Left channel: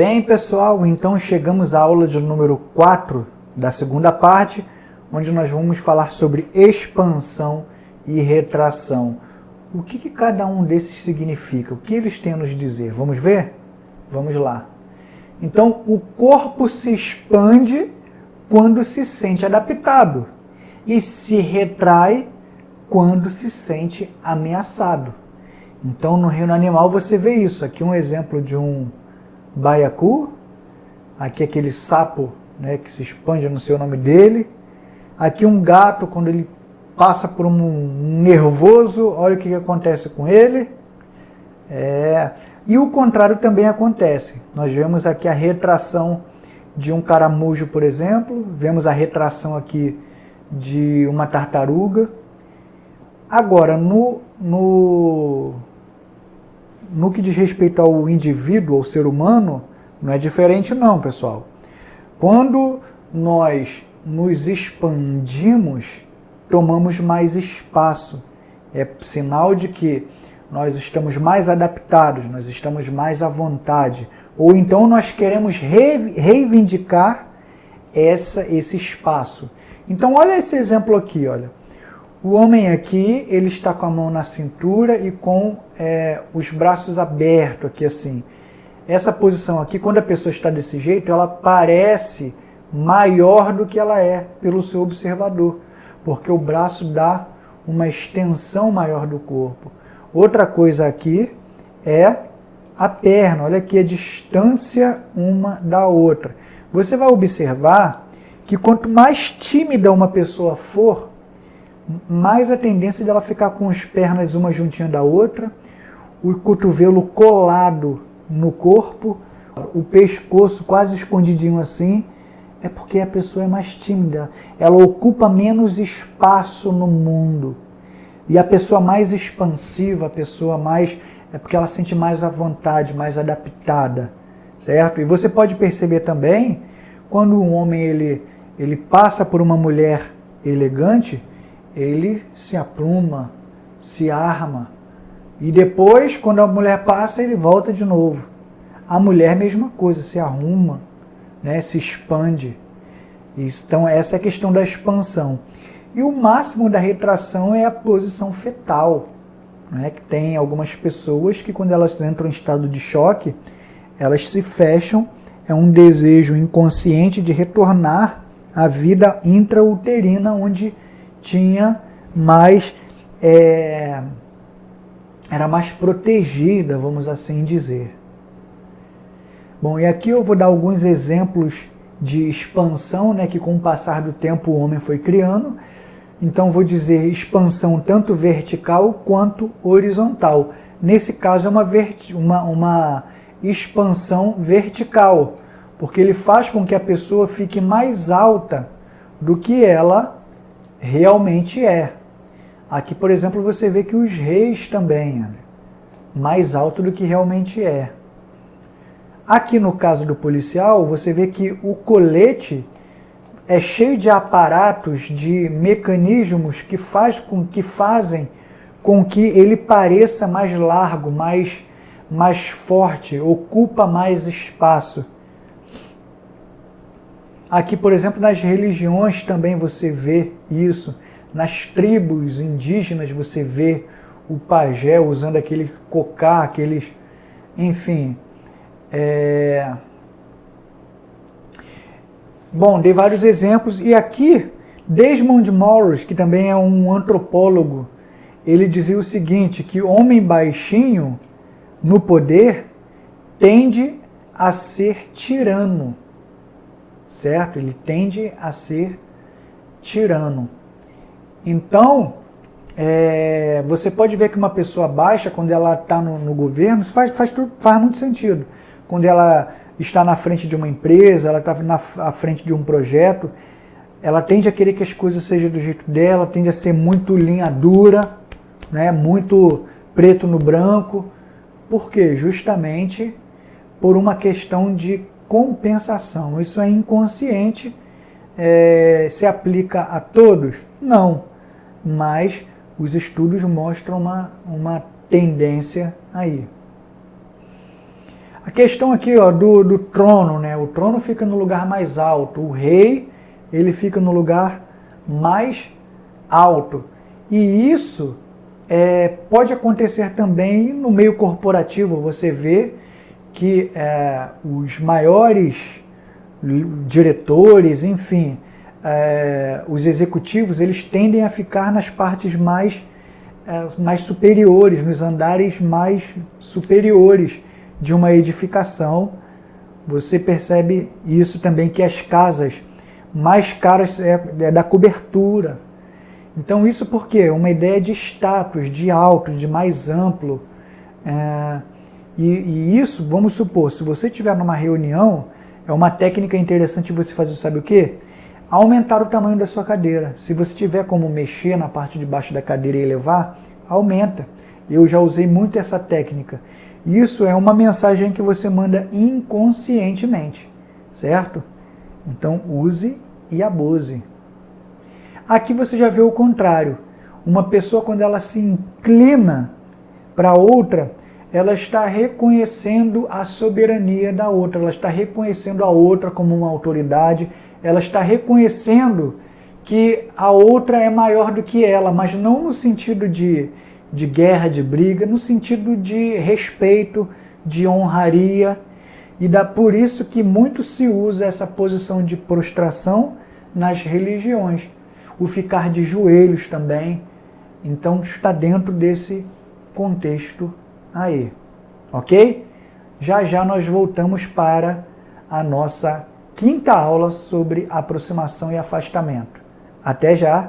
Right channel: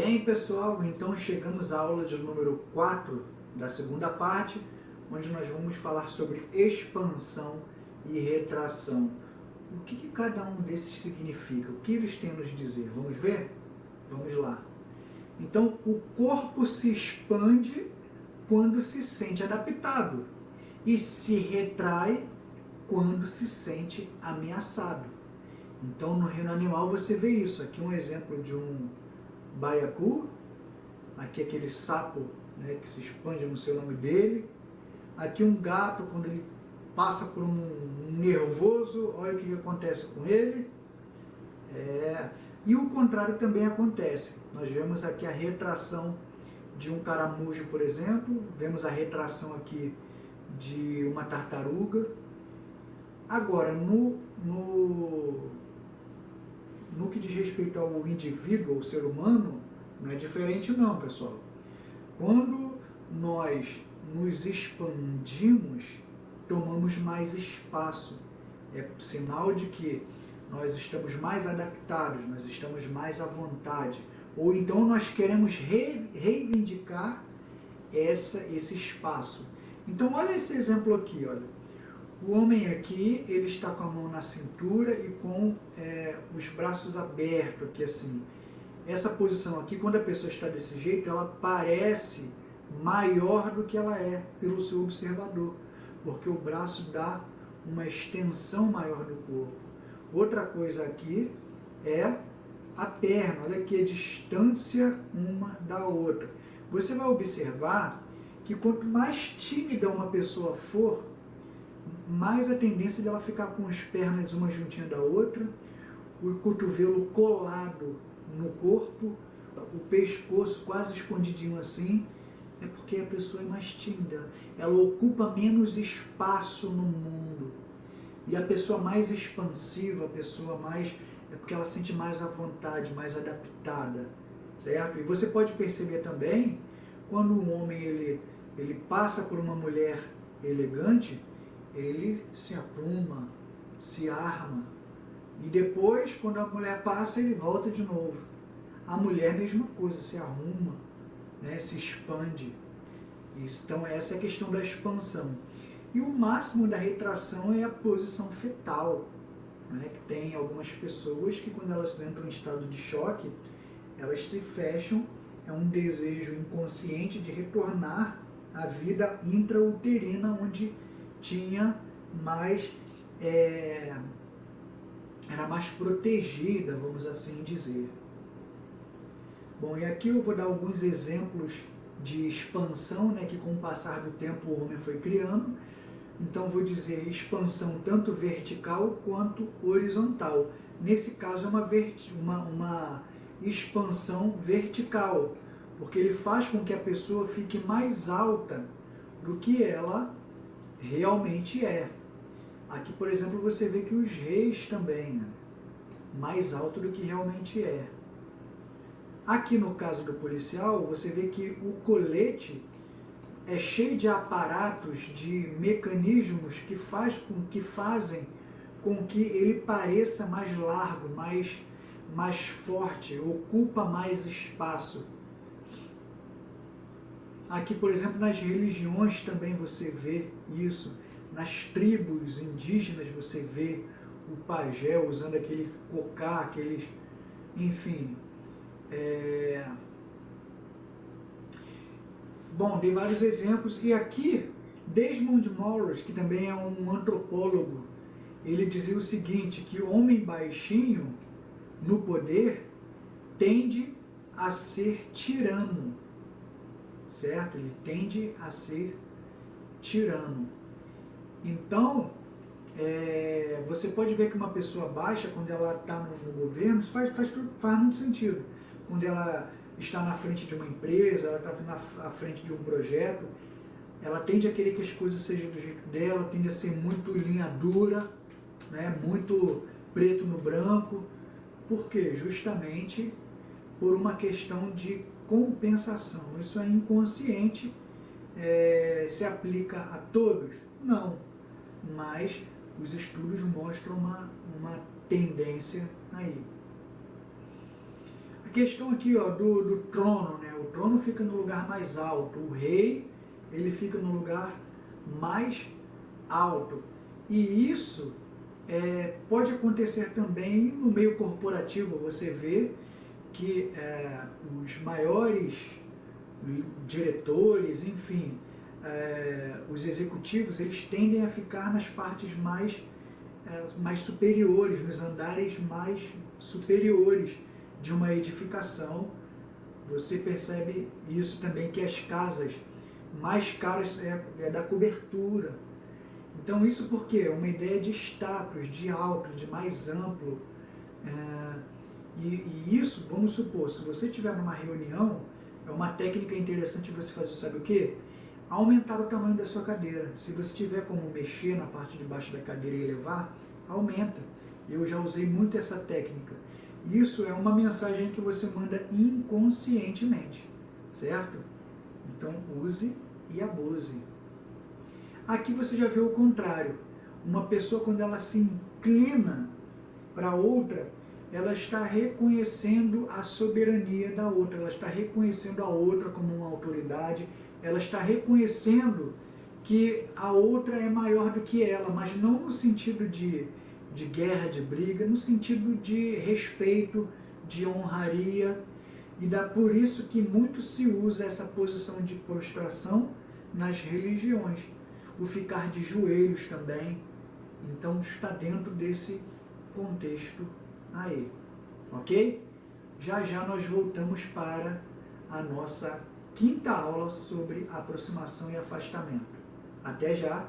Bem, pessoal, então chegamos à aula de número 4 da segunda parte, onde nós vamos falar sobre expansão e retração. O que cada um desses significa? O que eles têm a nos dizer? Vamos ver? Vamos lá. Então, o corpo se expande quando se sente adaptado e se retrai quando se sente ameaçado. Então, no reino animal você vê isso. Aqui um exemplo de um baiacu, aqui aquele sapo, né, que se expande, não sei o nome dele. Aqui um gato, quando ele passa por um nervoso, olha o que acontece com ele. E o contrário também acontece. Nós vemos aqui a retração de um caramujo, por exemplo, vemos a retração aqui de uma tartaruga. Agora, no que diz respeito ao indivíduo, ao ser humano, não é diferente não, pessoal. Quando nós nos expandimos, tomamos mais espaço. É sinal de que nós estamos mais adaptados, nós estamos mais à vontade. Ou então nós queremos reivindicar esse espaço. Então olha esse exemplo aqui, olha. O homem aqui, ele está com a mão na cintura e com os braços abertos aqui assim. Essa posição aqui, quando a pessoa está desse jeito, ela parece maior do que ela é pelo seu observador, porque o braço dá uma extensão maior do corpo. Outra coisa aqui é a perna, olha aqui a distância uma da outra. Você vai observar que quanto mais tímida uma pessoa for, mais a tendência dela ficar com as pernas uma juntinha da outra, o cotovelo colado no corpo, o pescoço quase escondidinho assim, é porque a pessoa é mais tímida, ela ocupa menos espaço no mundo. E a pessoa mais expansiva, a pessoa mais... é porque ela sente mais à vontade, mais adaptada, certo? E você pode perceber também, quando um homem ele passa por uma mulher elegante, ele se apruma, se arma. E depois, quando a mulher passa, ele volta de novo. A mulher, mesma coisa, se arruma, né, se expande. Então, essa é a questão da expansão. E o máximo da retração é a posição fetal, né, que tem algumas pessoas que, quando elas entram em estado de choque, elas se fecham, é um desejo inconsciente de retornar à vida intrauterina, onde tinha mais, era mais protegida, vamos assim dizer. Bom, e aqui eu vou dar alguns exemplos de expansão, né, que com o passar do tempo o homem foi criando. Então vou dizer expansão tanto vertical quanto horizontal. Nesse caso é uma expansão vertical, porque ele faz com que a pessoa fique mais alta do que ela realmente é. Aqui, por exemplo, você vê que os reis também, mais alto do que realmente é. Aqui no caso do policial, você vê que o colete é cheio de aparatos, de mecanismos que fazem com que ele pareça mais largo, mais forte, ocupa mais espaço. Aqui, por exemplo, nas religiões também você vê isso. Nas tribos indígenas você vê o pajé usando aquele cocá, aqueles... Enfim. Bom, dei vários exemplos. E aqui, Desmond Morris, que também é um antropólogo, ele dizia o seguinte, que homem baixinho no poder tende a ser tirano. Certo? Ele tende a ser tirano. Então, você pode ver que uma pessoa baixa, quando ela está no governo, isso faz muito sentido. Quando ela está na frente de uma empresa, ela está à frente de um projeto, ela tende a querer que as coisas sejam do jeito dela, tende a ser muito linha dura, né, muito preto no branco. Por quê? Justamente por uma questão de compensação. Isso é inconsciente. Se aplica a todos? Não. Mas os estudos mostram uma tendência aí. A questão aqui, ó, do trono, né? O trono fica no lugar mais alto, o rei, ele fica no lugar mais alto. E isso pode acontecer também no meio corporativo. Você vê que os maiores diretores, enfim, os executivos, eles tendem a ficar nas partes mais superiores, nos andares mais superiores de uma edificação. Você percebe isso também, que as casas mais caras é da cobertura. Então isso porque uma ideia de status, de alto, de mais amplo. E isso, vamos supor, se você estiver numa reunião, é uma técnica interessante você fazer, sabe o quê? Aumentar o tamanho da sua cadeira. Se você tiver como mexer na parte de baixo da cadeira e elevar, aumenta. Eu já usei muito essa técnica. Isso é uma mensagem que você manda inconscientemente, certo? Então use e abuse. Aqui você já vê o contrário. Uma pessoa, quando ela se inclina para outra, ela está reconhecendo a soberania da outra, ela está reconhecendo a outra como uma autoridade, ela está reconhecendo que a outra é maior do que ela, mas não no sentido de guerra, de briga, no sentido de respeito, de honraria. E por isso que muito se usa essa posição de prostração nas religiões. O ficar de joelhos também. Então está dentro desse contexto aí. Ok? Já já nós voltamos para a nossa quinta aula sobre aproximação e afastamento. Até já!